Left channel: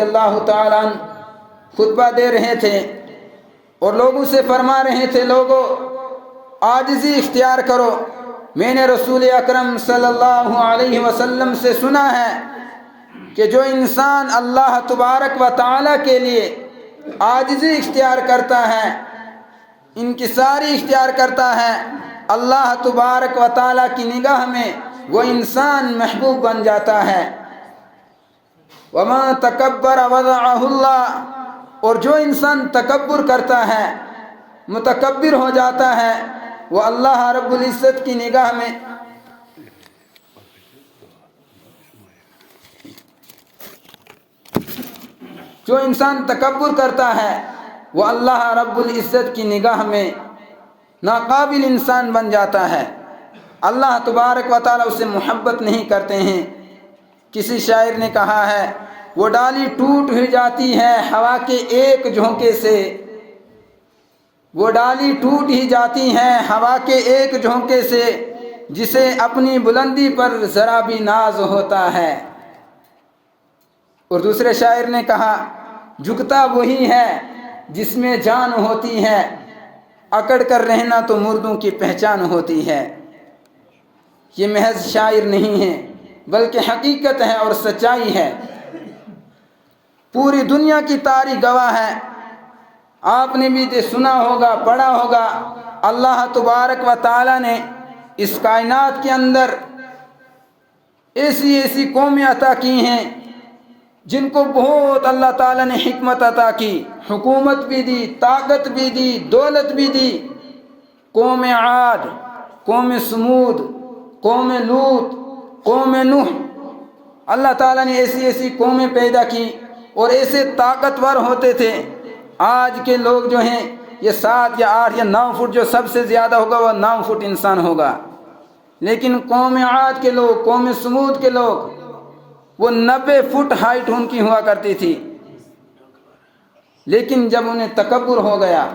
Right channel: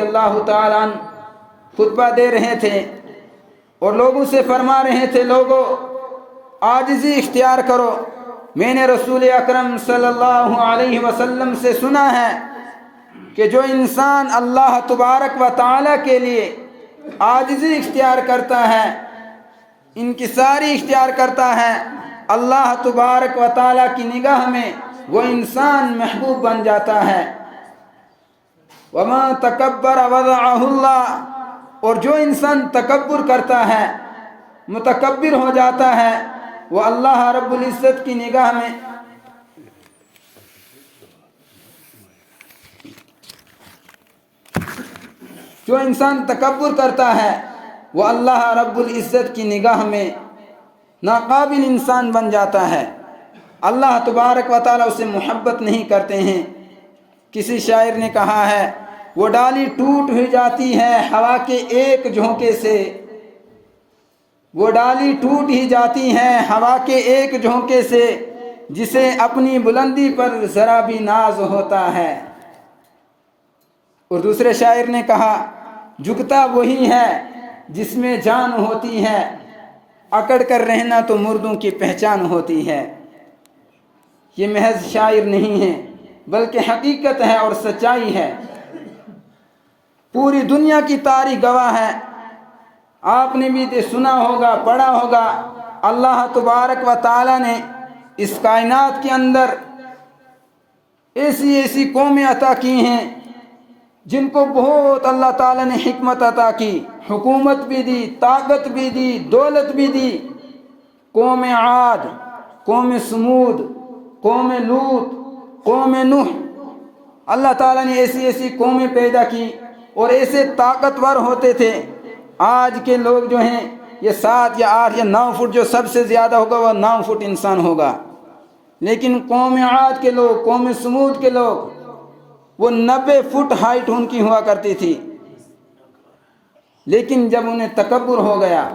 اللہ تعالیٰ عنہ خطبہ دے رہے تھے اور لوگوں سے فرما رہے تھے، لوگوں عاجزی اختیار کرو۔ میں نے رسول اکرم صلی اللہ علیہ وسلم سے سنا ہے کہ جو انسان اللہ تبارک و تعالیٰ کے لیے عاجزی اختیار کرتا ہے، انکساری اختیار کرتا ہے، اللہ تبارک و تعالیٰ کی نگاہ میں وہ انسان محبوب بن جاتا ہے۔ وَمَا تَكَبَّرَ وَضَعَهُ اللَّهُ، اور جو انسان تکبر کرتا ہے، متکبر ہو جاتا ہے، وہ اللہ رب العزت کی نگاہ میں جو انسان تکبر کرتا ہے وہ اللہ رب العزت کی نگاہ میں ناقابل انسان بن جاتا ہے۔ اللہ تبارک و تعالیٰ اسے محبت نہیں کرتے ہیں۔ کسی شاعر نے کہا ہے، وہ ڈالی ٹوٹ ہی جاتی ہے ہوا کے ایک جھونکے سے، وہ ڈالی ٹوٹ ہی جاتی ہے ہوا کے ایک جھونکے سے، جسے اپنی بلندی پر ذرا بھی ناز ہوتا ہے۔ اور دوسرے شاعر نے کہا، جھکتا وہی ہے جس میں جان ہوتی ہے، اکڑ کر رہنا تو مردوں کی پہچان ہوتی ہے۔ یہ محض شاعر نہیں ہے بلکہ حقیقت ہے اور سچائی ہے۔ پوری دنیا کی تاریخ گواہ ہے، آپ نے بھی سنا ہوگا، پڑھا ہوگا، اللہ تبارک و تعالیٰ نے اس کائنات کے اندر ایسی قومیں عطا کی ہیں جن کو بہت اللہ تعالیٰ نے حکمت عطا کی، حکومت بھی دی، طاقت بھی دی، دولت بھی دی۔ قوم عاد، قوم سمود، قوم لوط، قوم نوح، اللہ تعالیٰ نے ایسی قومیں پیدا کی اور ایسے طاقتور ہوتے تھے۔ آج کے لوگ جو ہیں یہ 7 یا 8 یا 9 فٹ، جو سب سے زیادہ ہوگا وہ 9 فٹ انسان ہوگا، لیکن قوم عاد کے لوگ، قوم سمود کے لوگ، وہ 90 فٹ ہائٹ ان کی ہوا کرتی تھی۔ لیکن جب انہیں تکبر ہو گیا،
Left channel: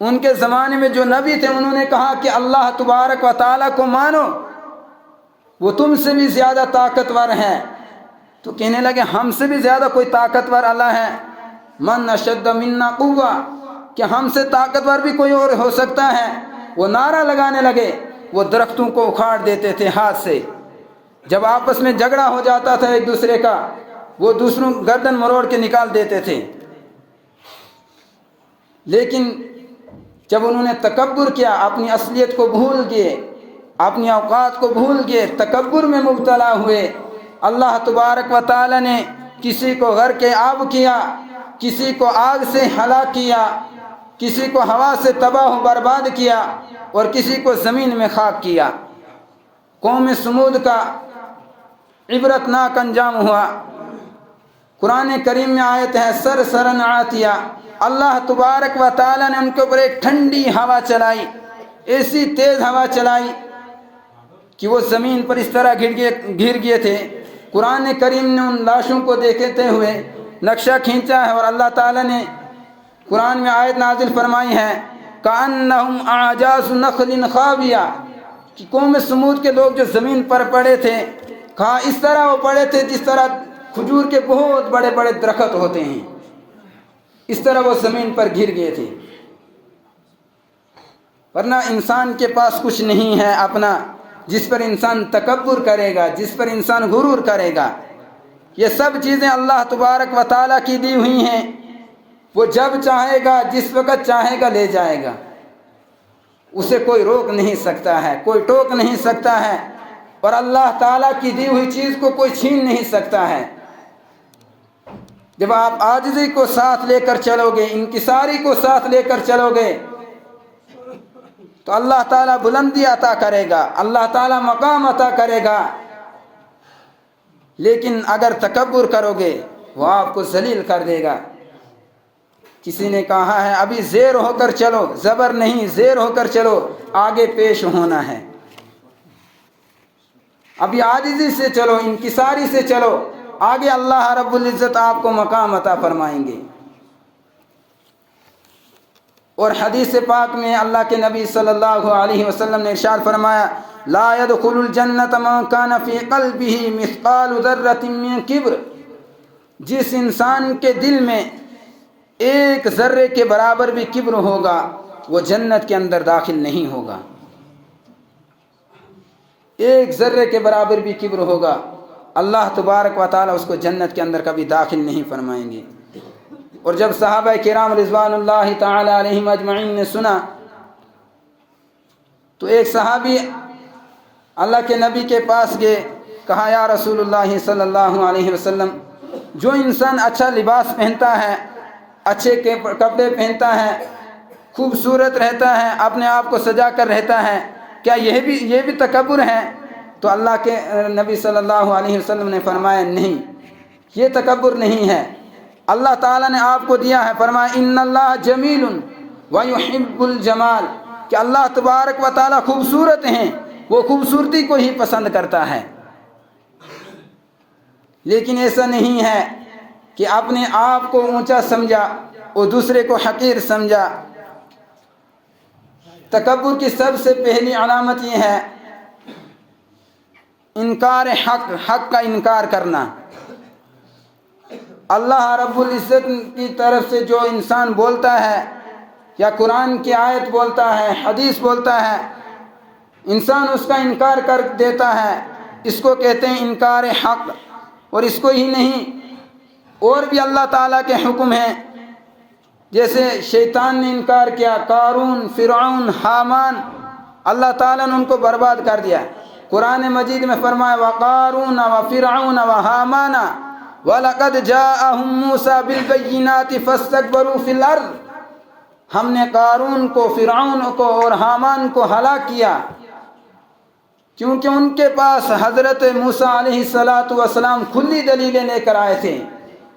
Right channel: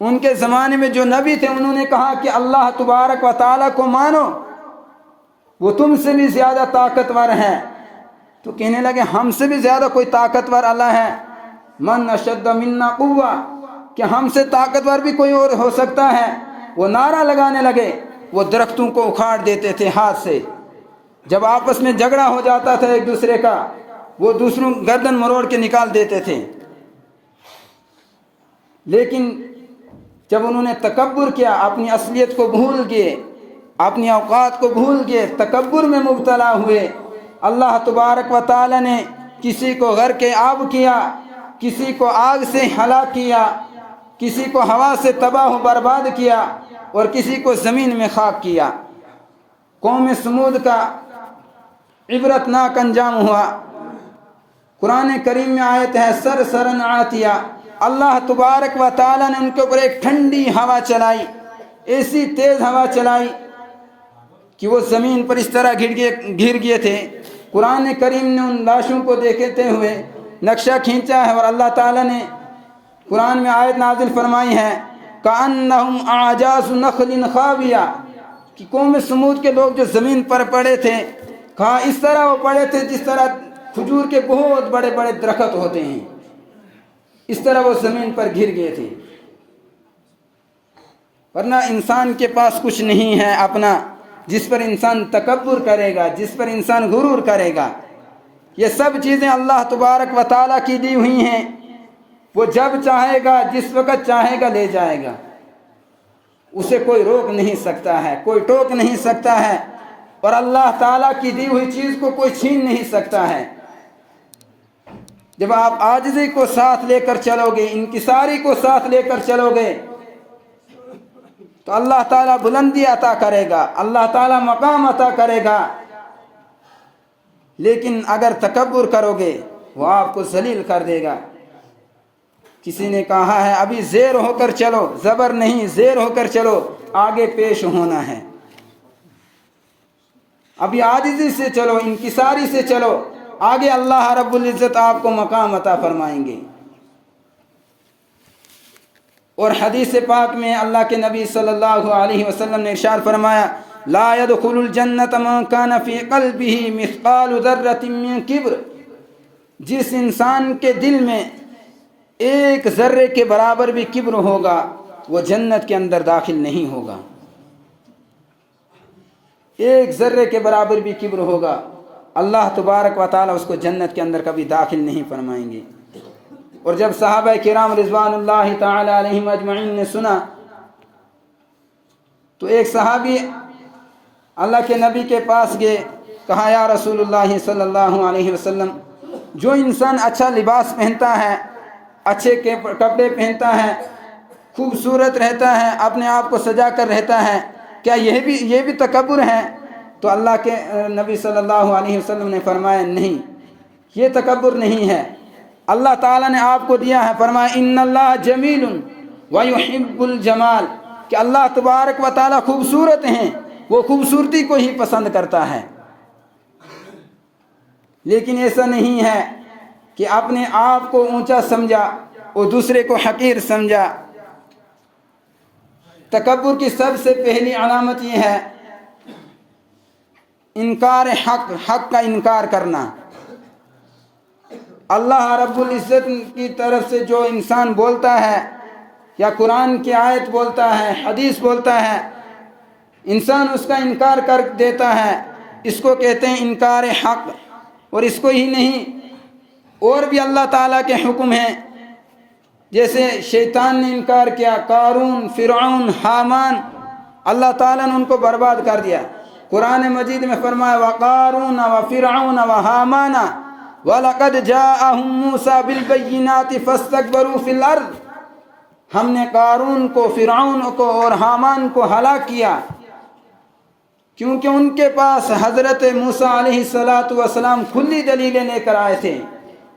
ان کے زمانے میں جو نبی تھے انہوں نے کہا کہ اللہ تبارک و تعالیٰ کو مانو، وہ تم سے بھی زیادہ طاقتور ہے، تو کہنے لگے ہم سے بھی زیادہ کوئی طاقتور اللہ ہے؟ من اشد منا قوہ، کہ ہم سے طاقتور بھی کوئی اور ہو سکتا ہے؟ وہ نعرہ لگانے لگے، وہ درختوں کو اکھاڑ دیتے تھے ہاتھ سے۔ جب آپس میں جھگڑا ہو جاتا تھا ایک دوسرے کا، وہ دوسروں گردن مروڑ کے نکال دیتے تھے۔ لیکن جب انہوں نے تکبر کیا، اپنی اصلیت کو بھول گئے، اپنی اوقات کو بھول گئے، تکبر میں مبتلا ہوئے، اللہ تبارک و تعالیٰ نے کسی کو غرق آب کیا، کسی کو آگ سے ہلاک کیا، کسی کو ہوا سے تباہ و برباد کیا، اور کسی کو زمین میں خاک کیا۔ قوم سمود کا عبرتناک انجام ہوا۔ قرآن کریم میں آیت ہے، سرسرن عاتیہ، اللہ تبارک و تعالیٰ نے ان کے اوپر ایک ٹھنڈی ہوا چلائی، ایسی تیز ہوا چلائی کہ وہ زمین پر اس طرح گر گئے تھے۔ قرآن کریم نے ان لاشوں کو دیکھتے ہوئے نقشہ کھینچا ہے، اور اللہ تعالیٰ نے قرآن میں آیت نازل فرمائی ہے، کأنہم اعجاز نخل خاویہ، کہ قوم سمود کے لوگ جو زمین پر پڑے تھے، کہا اس طرح وہ پڑے تھے جس طرح کھجور کے بہت بڑے بڑے درخت ہوتے ہیں، اس طرح وہ زمین پر گر گئے تھے۔ ورنہ انسان کے پاس کچھ نہیں ہے اپنا، جس پر انسان تکبر کرے گا، جس پر انسان غرور کرے گا۔ یہ سب چیزیں اللہ تبارک و تعالیٰ کی دی ہوئی ہیں، وہ جب چاہے گا، جس وقت چاہے گا لے جائے گا، اسے کوئی روک نہیں سکتا ہے، کوئی ٹوک نہیں سکتا ہے، اور اللہ تعالیٰ کی دی ہوئی چیز کو کوئی چھین نہیں سکتا ہے۔ جب آپ عاجزی کو ساتھ لے کر چلو گے، انکساری کو ساتھ لے کر چلو گے، تو اللہ تعالیٰ بلندی عطا کرے گا، اللہ تعالیٰ مقام عطا کرے گا۔ لیکن اگر تکبر کرو گے وہ آپ کو ذلیل کر دے گا۔ کسی نے کہا ہے، ابھی زیر ہو کر چلو، زبر نہیں، زیر ہو کر چلو، آگے پیش ہونا ہے۔ ابھی عاجزی سے چلو، انکساری سے چلو، آگے اللہ رب العزت آپ کو مقام عطا فرمائیں گے۔ اور حدیث پاک میں اللہ کے نبی صلی اللہ علیہ وسلم نے ارشاد فرمایا، لا يدخل الجنة من كان في قلبه مثقال ذرة من کبر، جس انسان کے دل میں ایک ذرے کے برابر بھی کبر ہوگا وہ جنت کے اندر داخل نہیں ہوگا. ایک ذرے کے برابر بھی کبر ہوگا اللہ تبارک و تعالیٰ اس کو جنت کے اندر کبھی داخل نہیں فرمائیں گے. اور جب صحابہ کرام رضوان اللہ تعالی علیہم اجمعین نے سنا تو ایک صحابی اللہ کے نبی کے پاس گئے. کہا یا رسول اللہ صلی اللہ علیہ وسلم جو انسان اچھا لباس پہنتا ہے, اچھے کپڑے پہنتا ہے, خوبصورت رہتا ہے, اپنے آپ کو سجا کر رہتا ہے, کیا یہ بھی تکبر ہے؟ تو اللہ کے نبی صلی اللہ علیہ وسلم نے فرمایا نہیں, یہ تکبر نہیں ہے. اللہ تعالیٰ نے آپ کو دیا ہے, فرمایا ان اللہ جمیل ویحب الجمال, کہ اللہ تبارک و تعالیٰ خوبصورت ہیں, وہ خوبصورتی کو ہی پسند کرتا ہے. لیکن ایسا نہیں ہے کہ اپنے آپ کو اونچا سمجھا اور دوسرے کو حقیر سمجھا. تکبر کی سب سے پہلی علامت یہ ہے انکار حق کا انکار کرنا. اللہ رب العزت کی طرف سے جو انسان بولتا ہے یا قرآن کی آیت بولتا ہے, حدیث بولتا ہے, انسان اس کا انکار کر دیتا ہے, اس کو کہتے ہیں انکار حق. اور اس کو ہی نہیں, اور بھی اللہ تعالیٰ کے حکم ہیں. جیسے شیطان نے انکار کیا, قارون, فرعون, حامان, اللہ تعالیٰ نے ان کو برباد کر دیا. قرآن مجید میں فرمایا وقارون وفرعون وحامان وَلَقَدْ جَاءَهُمْ مُوسَى بِالْبَيِّنَاتِ فَاسْتَكْبَرُوا فِي الْأَرْضِ, ہم نے قارون کو, فرعون کو اور حامان کو ہلاک کیا کیونکہ ان کے پاس حضرت موسیٰ علیہ السلام کھلی دلیلیں لے کر آئے تھے.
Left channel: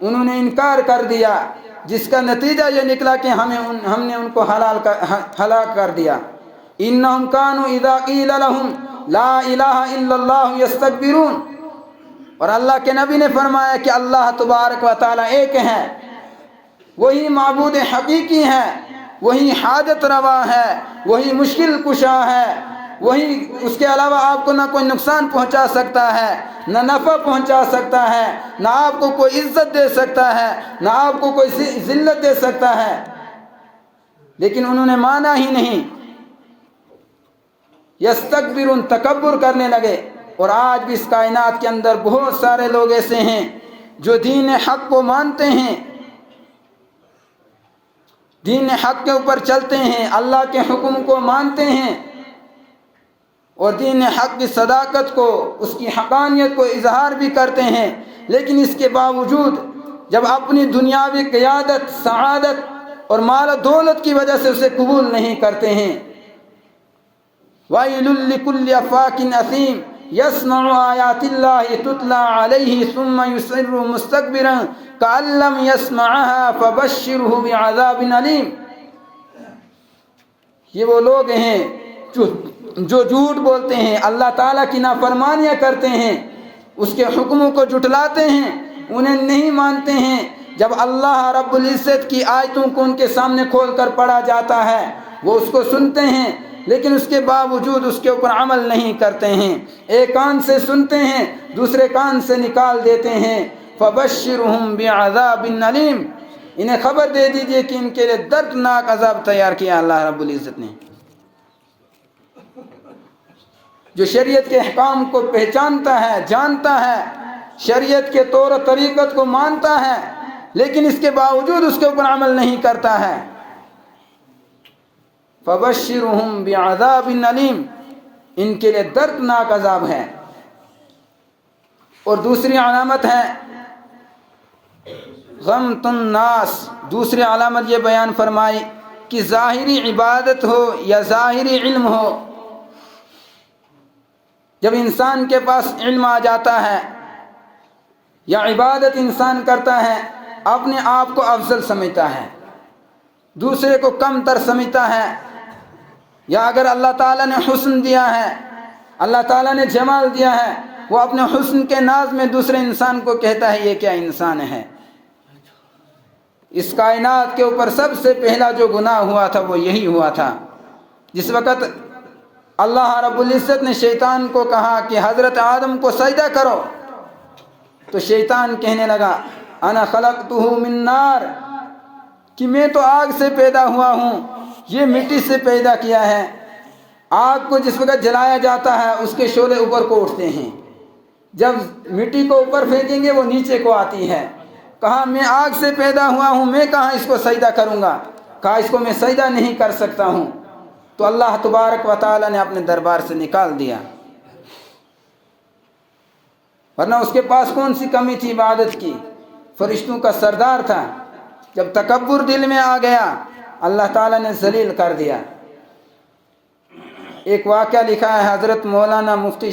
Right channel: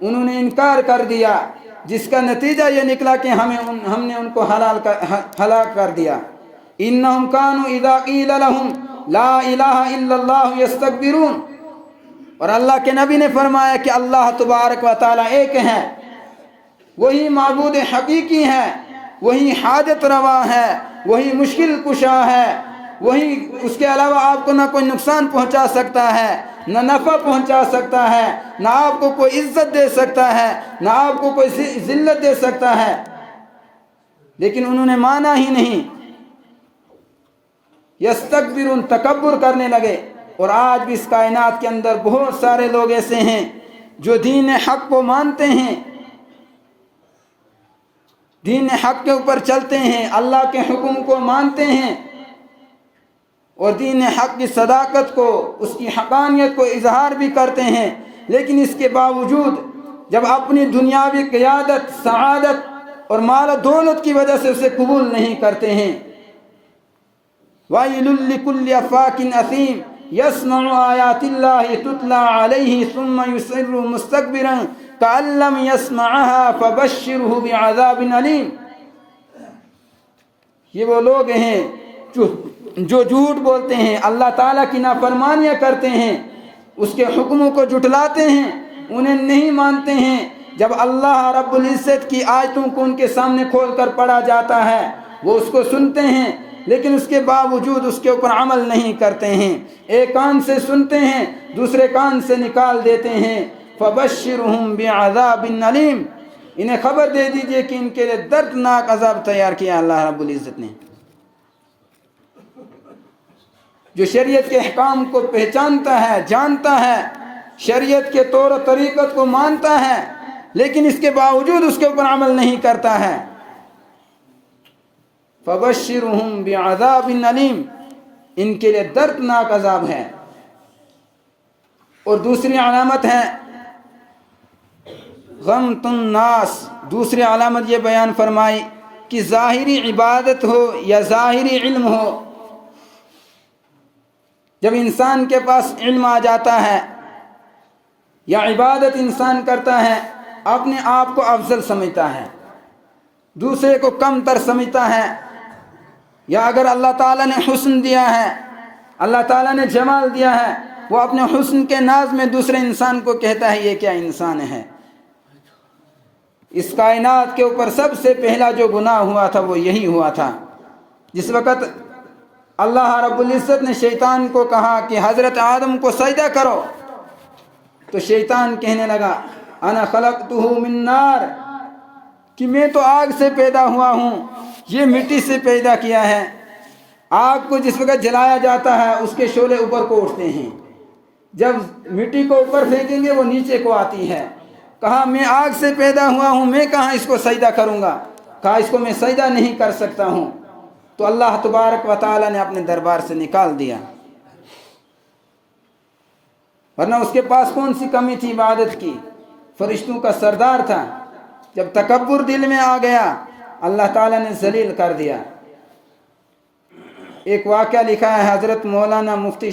انہوں نے انکار کر دیا, جس کا نتیجہ یہ نکلا کہ ہم نے ان کو ہلاک کر دیا. انہم کانوا اذا قیل لہم لا الہ الا اللہ یستکبرون. اور اللہ کے نبی نے فرمایا کہ اللہ تبارک و تعالیٰ ایک ہے, وہی معبود حقیقی ہے, وہی حاجت روا ہے, وہی مشکل کشا ہے, وہی اس کے علاوہ آپ کو نہ کوئی نقصان پہنچا سکتا ہے, نہ نفع پہنچا سکتا ہے, نہ آپ کو کوئی عزت دے سکتا ہے, نہ آپ کو کوئی ذلت دے سکتا ہے. لیکن انہوں نے مانا ہی نہیں, یستکبرون, تکبر کرنے لگے. اور آج بھی اس کائنات کے اندر بہت سارے لوگ ایسے ہیں جو دین حق کو مانتے ہیں, دین حق کے اوپر چلتے ہیں, اللہ کے حکم کو مانتے ہیں اور دین حق کی صداقت کو, اس کی حقانیت کو اظہار بھی کرتے ہیں. لیکن اس کے باوجود جب اپنی دنیاوی قیادت, سعادت اور مال و دولت کی وجہ سے اسے قبول نہیں کرتے ہیں. وَيْلٌ لِكُلِّ أَفَّاكٍ أَثِيمٍ يَسْمَعُ آيَاتِ اللَّهِ تُتْلَى عَلَيْهِ ثُمَّ يُصِرُّ مُسْتَكْبِرًا كَأَن لَّمْ يَسْمَعْهَا فَبَشِّرْهُ بِعَذَابٍ أَلِيمٍ. یہ وہ لوگ ہیں جو جھوٹ بولتے ہیں, اللہ تعالیٰ کی نافرمانیاں کرتے ہیں, اس کے حکموں کو جھٹلاتے ہیں, انہیں نہیں مانتے ہیں. جب اللہ رب العزت کی آیتوں کو ان کے سامنے کھول کر پڑھا جاتا ہے وہ اس کو سنتے ہیں, لیکن اس کے باوجود اس کے اوپر عمل نہیں کرتے ہیں. ایک کان سے سنتے ہیں, دوسرے کان سے نکال دیتے ہیں. فَبَشِّرْهُمْ بِعَذَابٍ أَلِيمٍ, انہیں خبر دے دیجئے کہ ان کے لیے دردناک عذاب تیار کیا اللہ رب العزت نے. جو شریعت کے احکام کو پہچانتا ہے, جانتا ہے, شریعت کے طور و طریقت کو مانتا ہے, لیکن اس کے باوجود اس کے اوپر عمل نہیں کرتا ہے. فَبَشِّرْهُمْ بِعَذَابٍ أَلِيمٍ, ان کے لیے دردناک عذاب ہے. اور دوسری علامت ہے غمط الناس. دوسری علامت یہ بیان فرمائی کہ ظاہری عبادت ہو یا ظاہری علم ہو, جب انسان کے پاس علم آ جاتا ہے یا عبادت انسان کرتا ہے, اپنے آپ کو افضل سمجھتا ہے, دوسرے کو کم تر سمجھتا ہے. یا اگر اللہ تعالیٰ نے حسن دیا ہے, اللہ تعالیٰ نے جمال دیا ہے, وہ اپنے حسن کے ناز میں دوسرے انسان کو کہتا ہے یہ کیا انسان ہے. اس کائنات کے اوپر سب سے پہلا جو گناہ ہوا تھا وہ یہی ہوا تھا. جس وقت اللہ رب العزت نے شیطان کو کہا کہ حضرت آدم کو سجدہ کرو, تو شیطان کہنے لگا انا خلقتہ من نار، کہ میں تو آگ سے پیدا ہوا ہوں، یہ مٹی سے پیدا کیا ہے۔ آگ کو جس وقت جلایا جاتا ہے اس کے شعلے اوپر کو اٹھتے ہیں، جب مٹی کو اوپر پھینکیں گے وہ نیچے کو آتی ہے۔ کہا میں آگ سے پیدا ہوا ہوں، میں کہاں اس کو سجدہ کروں گا؟ کہا اس کو میں سجدہ نہیں کر سکتا ہوں۔ تو اللہ تبارک و تعالی نے اپنے دربار سے نکال دیا، ورنہ اس کے پاس کون سی کمی تھی عبادت کی، فرشتوں کا سردار تھا۔ جب تکبر دل میں آ گیا اللہ تعالیٰ نے ذلیل کر دیا۔ ایک واقعہ لکھا ہے حضرت مولانا مفتی